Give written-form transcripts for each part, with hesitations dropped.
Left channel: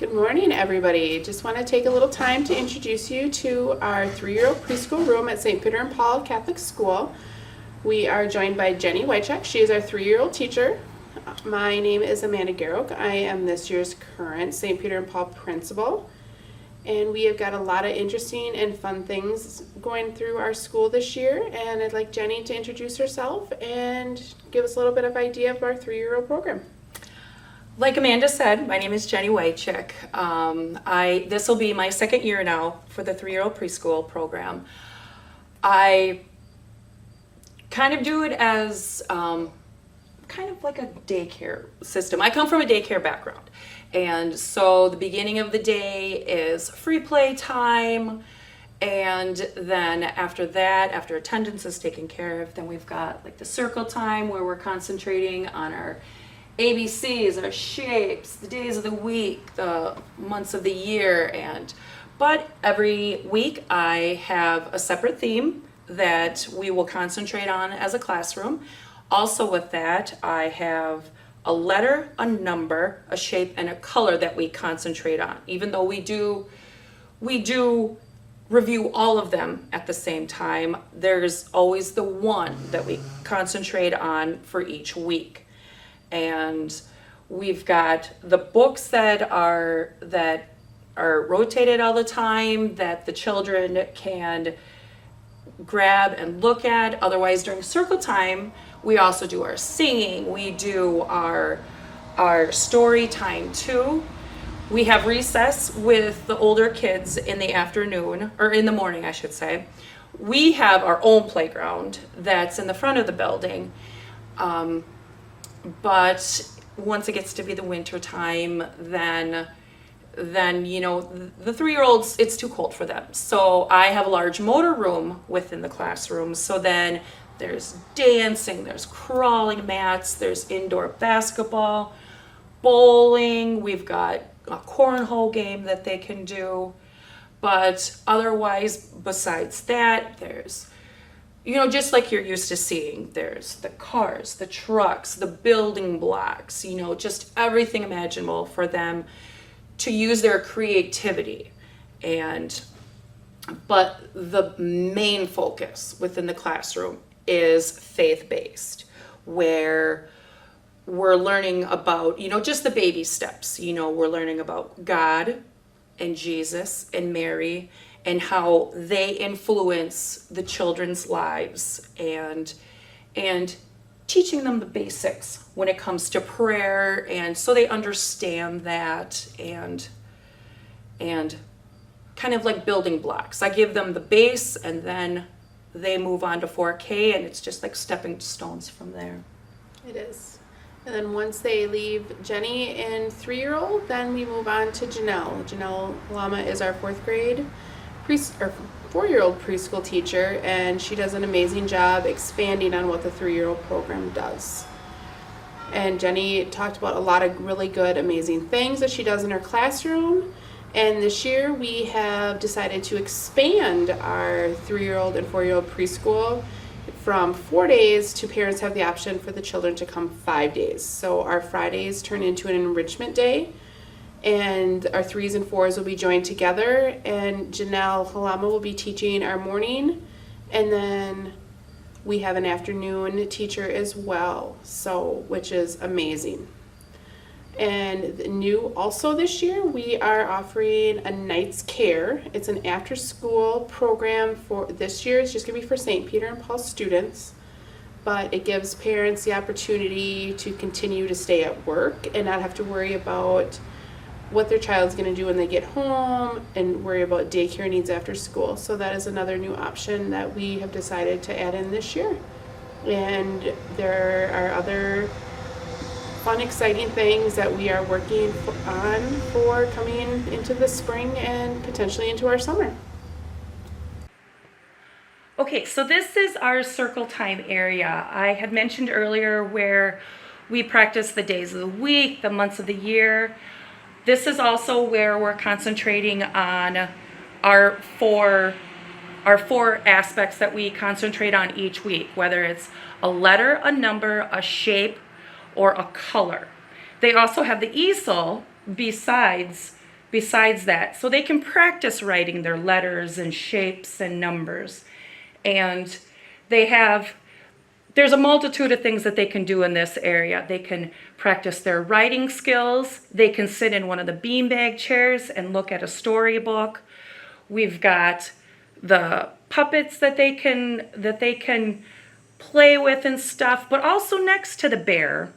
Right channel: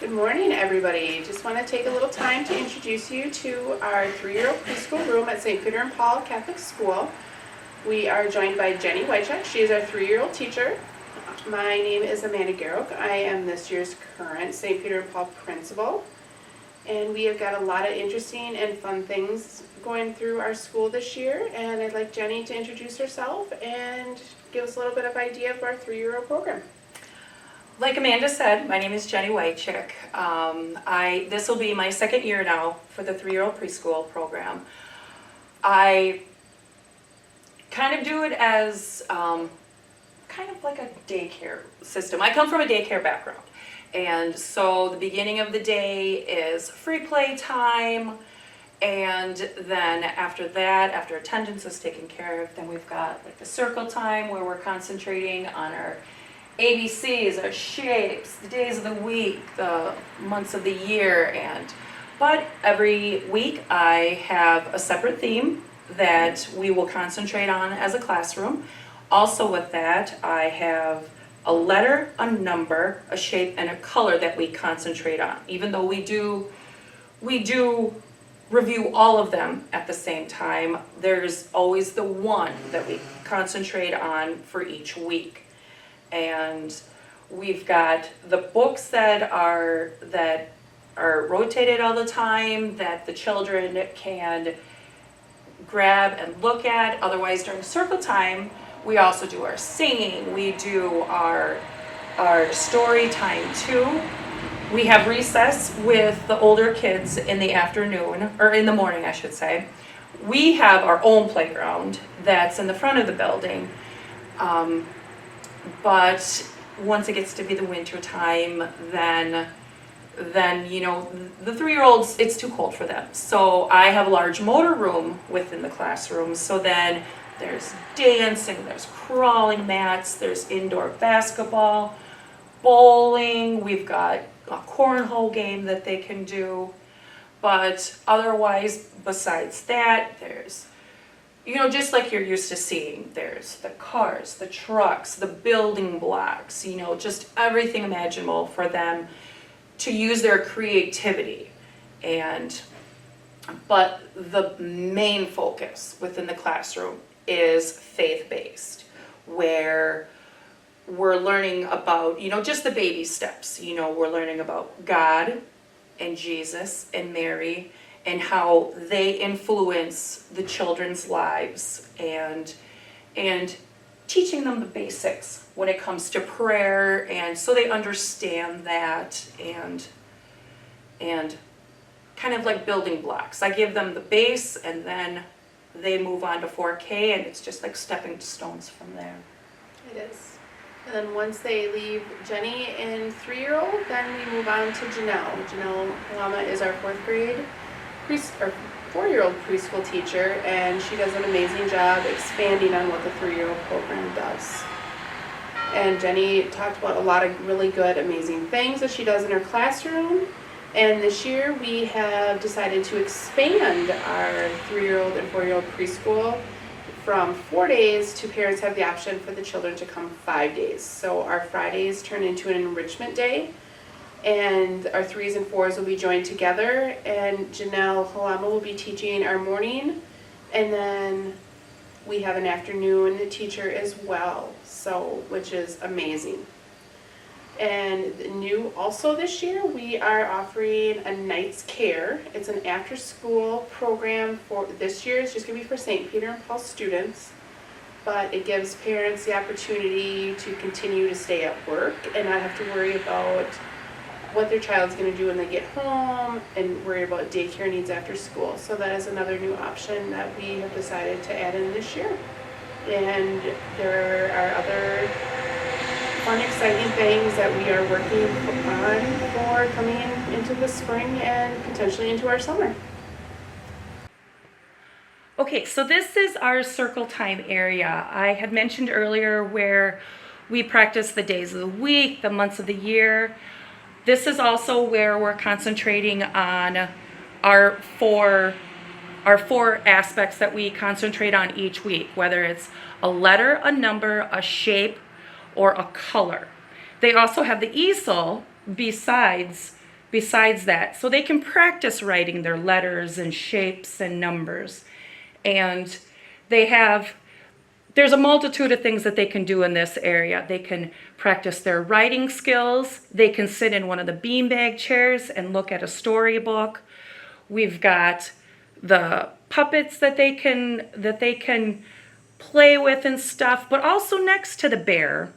Good morning, everybody. Just want to take a little time to introduce you to our 3-year-old preschool room at St. Peter and Paul Catholic School. We are joined by Jenny Wycheck. She is our 3-year-old teacher. My name is Amanda Garrock. I am this year's current St. Peter and Paul principal. And we have got a lot of interesting and fun things going through our school this year. And I'd like Jenny to introduce herself and give us a little bit of idea of our 3-year-old program. Like Amanda said, my name is Jenny Wycheck. This will be my second year now for the 3-year-old preschool program. I kind of do it as kind of like a daycare system. I come from a daycare background. And so the beginning of the day is free play time. And then after that, after attendance is taken care of, then we've got like the circle time where we're concentrating on our ABCs, our shapes, the days of the week, the months of the year, but every week I have a separate theme that we will concentrate on as a classroom. Also with that, I have a letter, a number, a shape, and a color that we concentrate on. Even though we do review all of them at the same time, there's always the one that we concentrate on for each week. And we've got the books that are rotated all the time that the children can grab and look at. Otherwise, during circle time, we also do our singing. We do our story time too. We have recess with the older kids in the afternoon, or in the morning, I should say. We have our own playground that's in the front of the building. But once it gets to be the winter time, then you know, the 3-year-olds, it's too cold for them. So I have a large motor room within the classroom. So then there's dancing, there's crawling mats, there's indoor basketball, bowling, we've got a cornhole game that they can do. But otherwise, besides that, there's, you know, just like you're used to seeing, there's the cars, the trucks, the building blocks, you know, just everything imaginable for them to use their creativity. But the main focus within the classroom is faith-based, where we're learning about, you know, just the baby steps. You know, we're learning about God and Jesus and Mary, and how they influence the children's lives, and teaching them the basics when it comes to prayer, and so they understand that, and kind of like building blocks. I give them the base, and then they move on to 4K, and it's just like stepping stones from there. It is. And then once they leave Jenny and 3-year-old, then we move on to Janelle. Janelle Lama is our 4th grade 4-year-old preschool teacher, and she does an amazing job expanding on what the 3-year-old program does. And Jenny talked about a lot of really good, amazing things that she does in her classroom. And this year we have decided to expand our 3-year-old and 4-year-old preschool from 4 days to parents have the option for the children to come 5 days. So our Fridays turn into an enrichment day, and our 3s and 4s will be joined together, and Janelle Halama will be teaching our morning, and then we have an afternoon teacher as well, so which is amazing. And new also this year, we are offering a night's care. It's an after-school program for this year. It's just going to be for St. Peter and Paul students, but it gives parents the opportunity to continue to stay at work and not have to worry about what their child's going to do when they get home and worry about daycare needs after school. So that is another new option that we have decided to add in this year. And there are other fun, exciting things that we are working on for coming into the spring and potentially into our summer. Okay, so this is our circle time area. I had mentioned earlier where we practice the days of the week, the months of the year. This is also where we're concentrating on our four aspects that we concentrate on each week, whether it's a letter, a number, a shape, or a color. They also have the easel besides besides that. So they can practice writing their letters and shapes and numbers. And there's a multitude of things that they can do in this area. They can practice their writing skills. They can sit in one of the beanbag chairs and look at a storybook. We've got the puppets that they can play with and stuff. But also next to the bear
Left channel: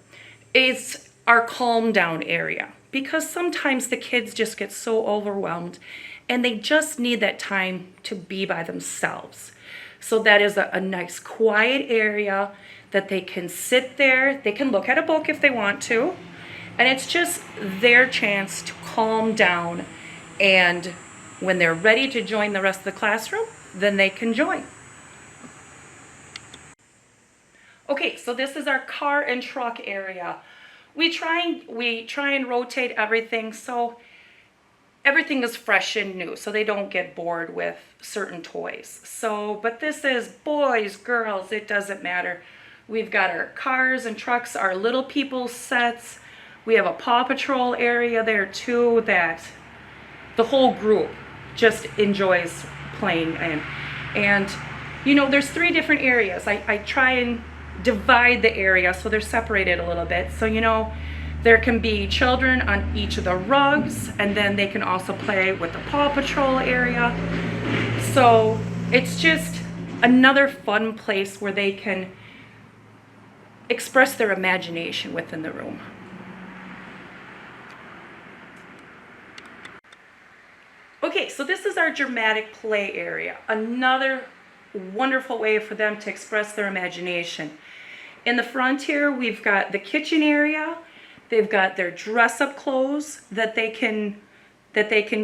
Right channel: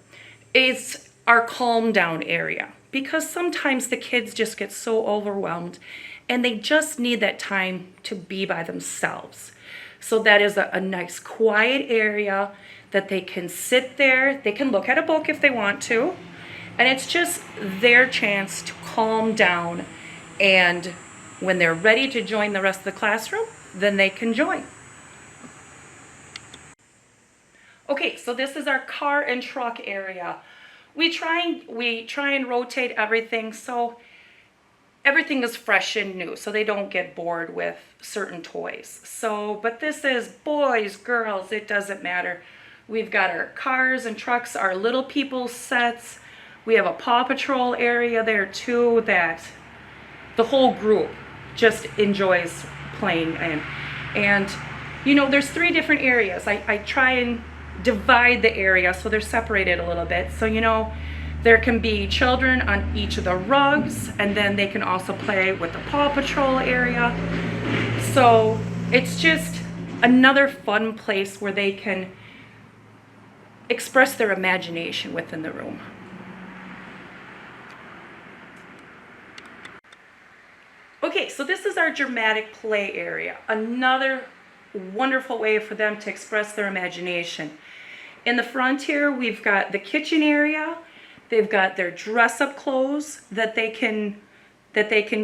is our calm down area, because sometimes the kids just get so overwhelmed and they just need that time to be by themselves. So that is a nice quiet area that they can sit there. They can look at a book if they want to. And it's just their chance to calm down. And when they're ready to join the rest of the classroom, then they can join. Okay, so this is our car and truck area. We try and rotate everything so everything is fresh and new, so they don't get bored with certain toys. But this is boys, girls, it doesn't matter. We've got our cars and trucks, our little people sets. We have a Paw Patrol area there too that the whole group just enjoys playing in. And there's 3 different areas. I try and divide the area so they're separated a little bit. So there can be children on each of the rugs, and then they can also play with the Paw Patrol area. So it's just another fun place where they can express their imagination within the room. Okay, so this is our dramatic play area. Another wonderful way for them to express their imagination. In the front here, we've got the kitchen area. They've got their dress-up clothes that they can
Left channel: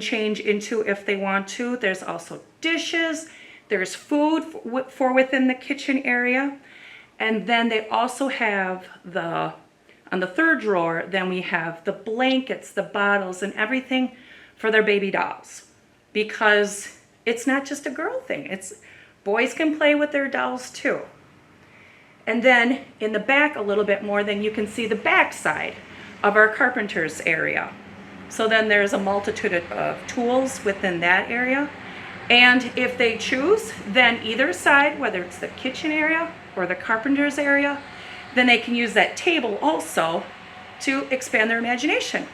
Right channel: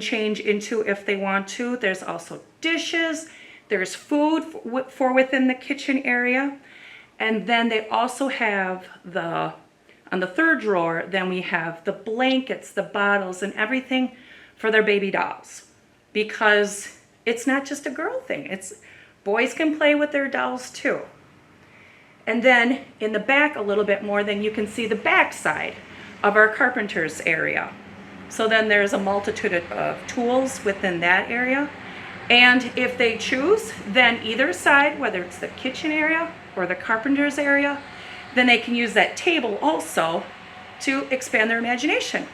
change into if they want to. There's also dishes. There's food for within the kitchen area. And then they also have on the 3rd drawer, then we have the blankets, the bottles, and everything for their baby dolls. Because it's not just a girl thing. Boys can play with their dolls too. And then in the back a little bit more, then you can see the back side of our carpenter's area. So then there's a multitude of tools within that area. And if they choose, then either side, whether it's the kitchen area or the carpenter's area, then they can use that table also to expand their imagination.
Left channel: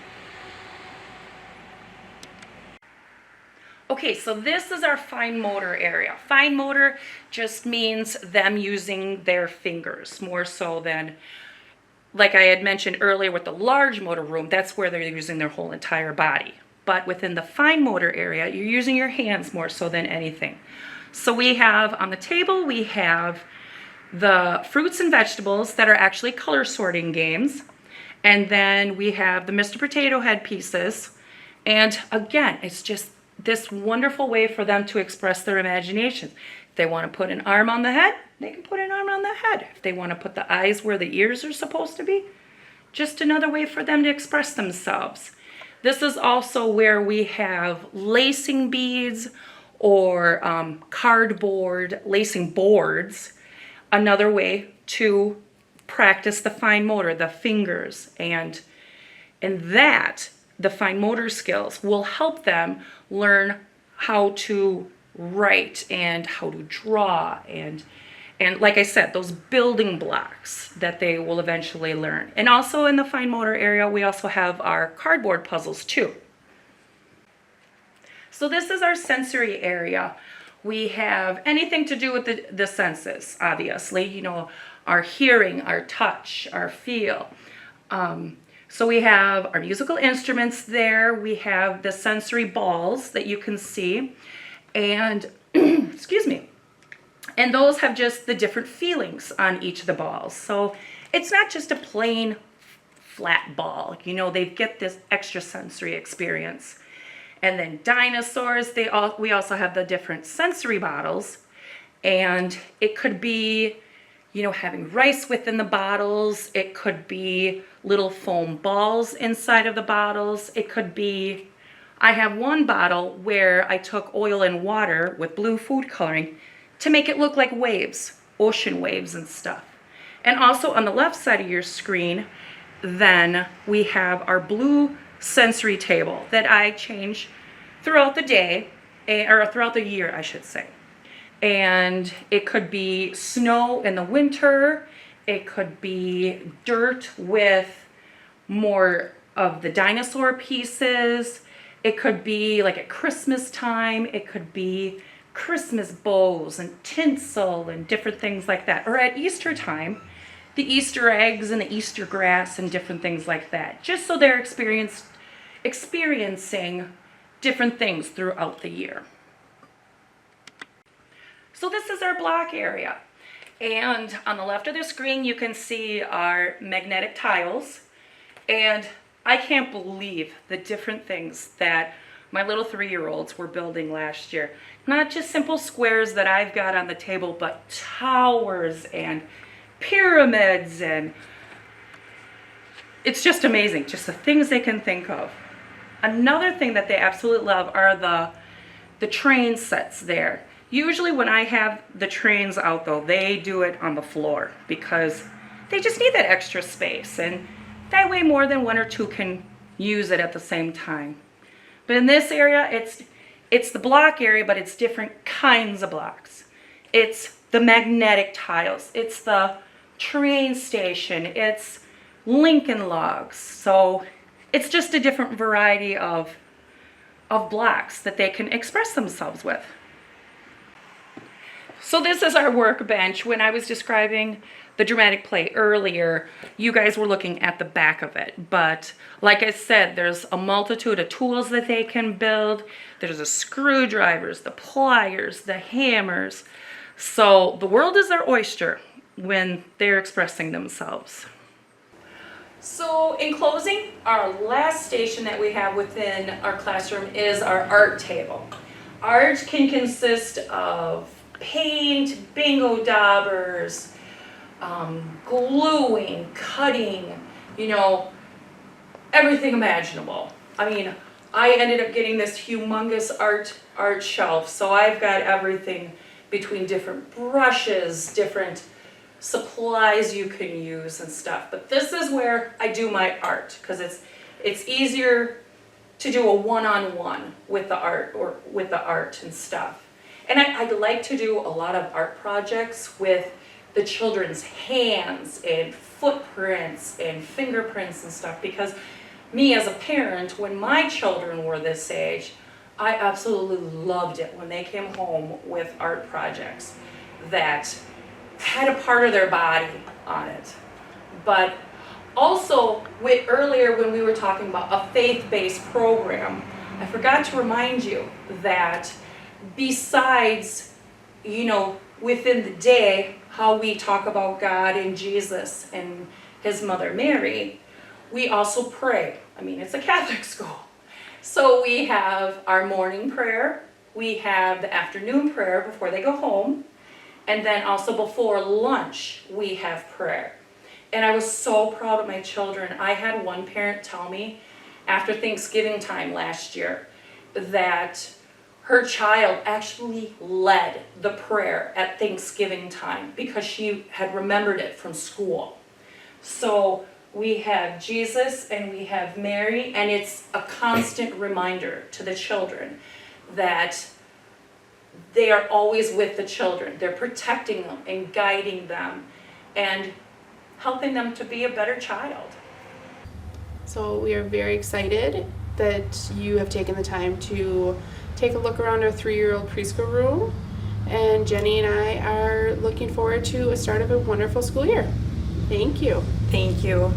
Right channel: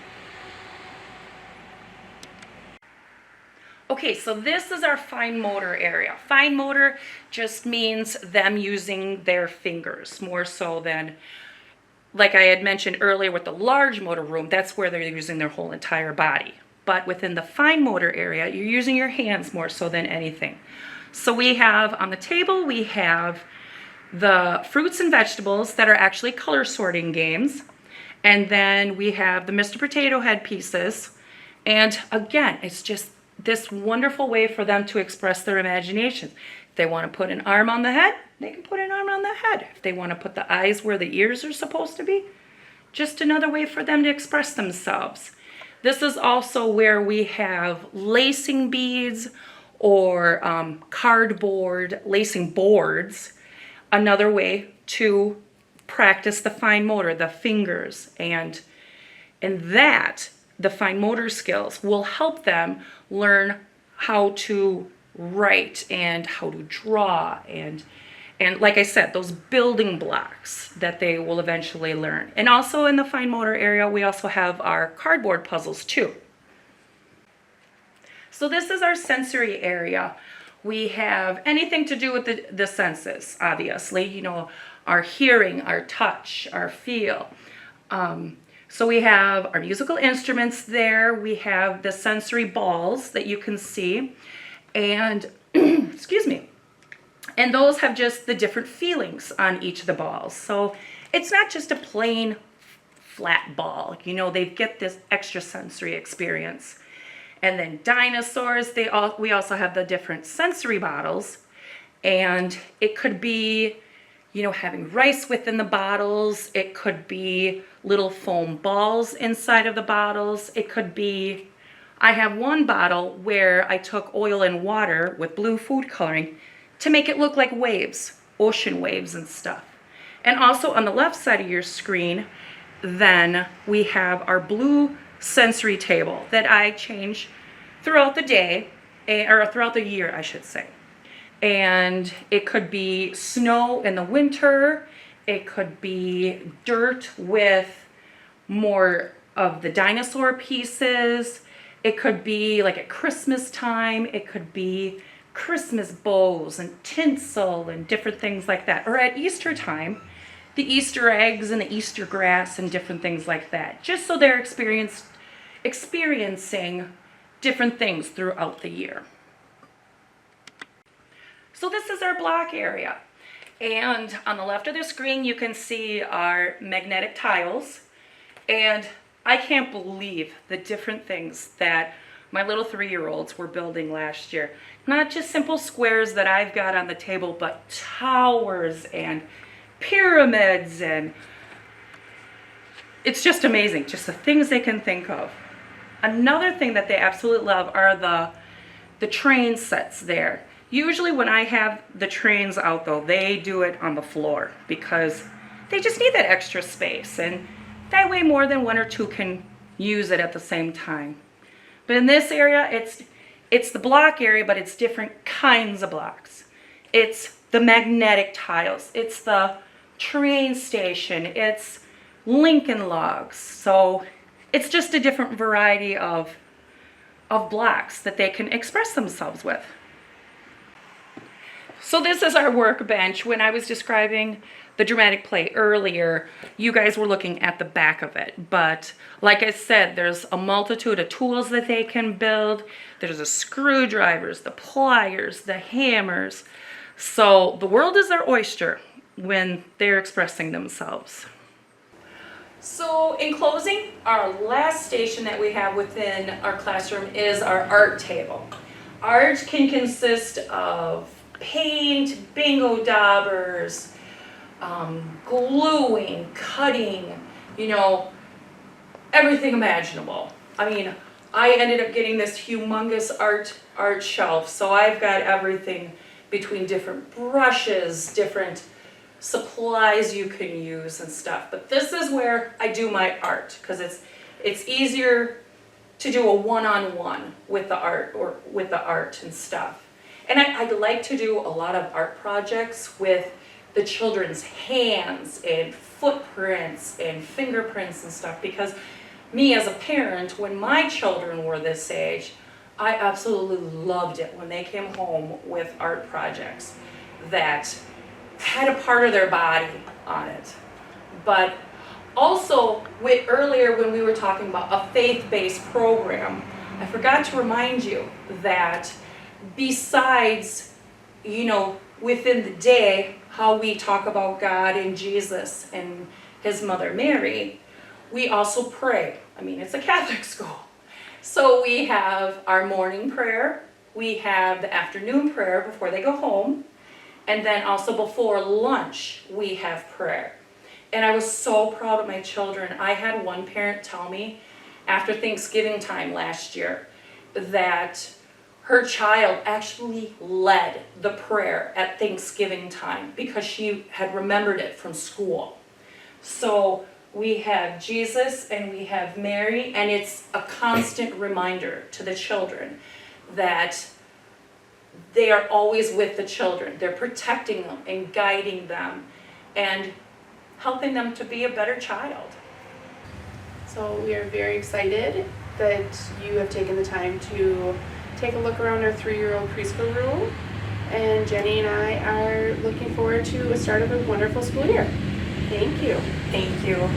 Okay, so this is our fine motor area. Fine motor just means them using their fingers more so than, like I had mentioned earlier with the large motor room, that's where they're using their whole entire body. But within the fine motor area, you're using your hands more so than anything. So we have on the table, we have the fruits and vegetables that are actually color sorting games. And then we have the Mr. Potato Head pieces. And again, it's just this wonderful way for them to express their imagination. If they want to put an arm on the head, they can put an arm on the head. If they want to put the eyes where the ears are supposed to be, just another way for them to express themselves. This is also where we have lacing beads or cardboard lacing boards, another way to practice the fine motor, the fingers, and that the fine motor skills will help them learn how to write and how to draw and like I said, those building blocks that they will eventually learn. And also in the fine motor area, we also have our cardboard puzzles too. So this is our sensory area. We have anything to do with the senses, obviously, our hearing, our touch, our feel. So we have our musical instruments there. We have the sensory balls that you can see. And, excuse me, and those have just the different feelings on each of the balls. So it's not just a plain flat ball. They get this extra sensory experience. And then dinosaurs, we also have the different sensory bottles. And it could be, having rice within the bottles. It could be little foam balls inside of the bottles. It could be, I have one bottle where I took oil and water with blue food coloring to make it look like waves, ocean waves and stuff. And also on the left side of your screen, then we have our blue sensory table that I change throughout the day, or throughout the year, I should say. And it could be snow in the winter, it could be dirt with more of the dinosaur pieces, it could be like at Christmas time, it could be Christmas bows and tinsel and different things like that. Or at Easter time, the Easter eggs and the Easter grass and different things like that. Just so they're experiencing different things throughout the year. So this is our block area. And on the left of the screen, you can see our magnetic tiles. And I can't believe the different things that my little 3-year-olds were building last year. Not just simple squares that I've got on the table, but towers and pyramids, and it's just amazing, just the things they can think of. Another thing that they absolutely love are the train sets there. Usually when I have the trains out though, they do it on the floor because they just need that extra space, and that way more than one or two can use it at the same time. But in this area, it's the block area, but it's different kinds of blocks. It's the magnetic tiles, it's the train station, it's Lincoln logs. So it's just a different variety of blocks that they can express themselves with. So this is our workbench. When I was describing the dramatic play earlier, you guys were looking at the back of it. But like I said, there's a multitude of tools that they can build. There's the screwdrivers, the pliers, the hammers. So the world is their oyster when they're expressing themselves. So in closing, our last station that we have within our classroom is our art table. Art can consist of paint, bingo daubers, gluing, cutting, everything imaginable. I mean, I ended up getting this humongous art shelf, so I've got everything between different brushes, different supplies you can use and stuff. But this is where I do my art, because it's easier to do a one-on-one with the art and stuff. And I like to do a lot of art projects with the children's hands and footprints and fingerprints and stuff, because me as a parent, when my children were this age, I absolutely loved it when they came home with art projects that had a part of their body on it. But also, earlier when we were talking about a faith-based program, I forgot to remind you that besides, within the day, how we talk about God and Jesus and his mother Mary, we also pray. I mean, it's a Catholic school. So we have our morning prayer, we have the afternoon prayer before they go home, and then also before lunch, we have prayer. And I was so proud of my children. I had one parent tell me after Thanksgiving time last year that her child actually led the prayer at Thanksgiving time because she had remembered it from school. So we have Jesus and we have Mary, and it's a constant reminder to the children that they are always with the children. They're protecting them and guiding them and helping them to be a better child. So we are very excited that you have taken the time to take a look around our 3-year-old preschool room, and Jenny and I are looking forward to a start of a wonderful school year. Thank you. Thank you.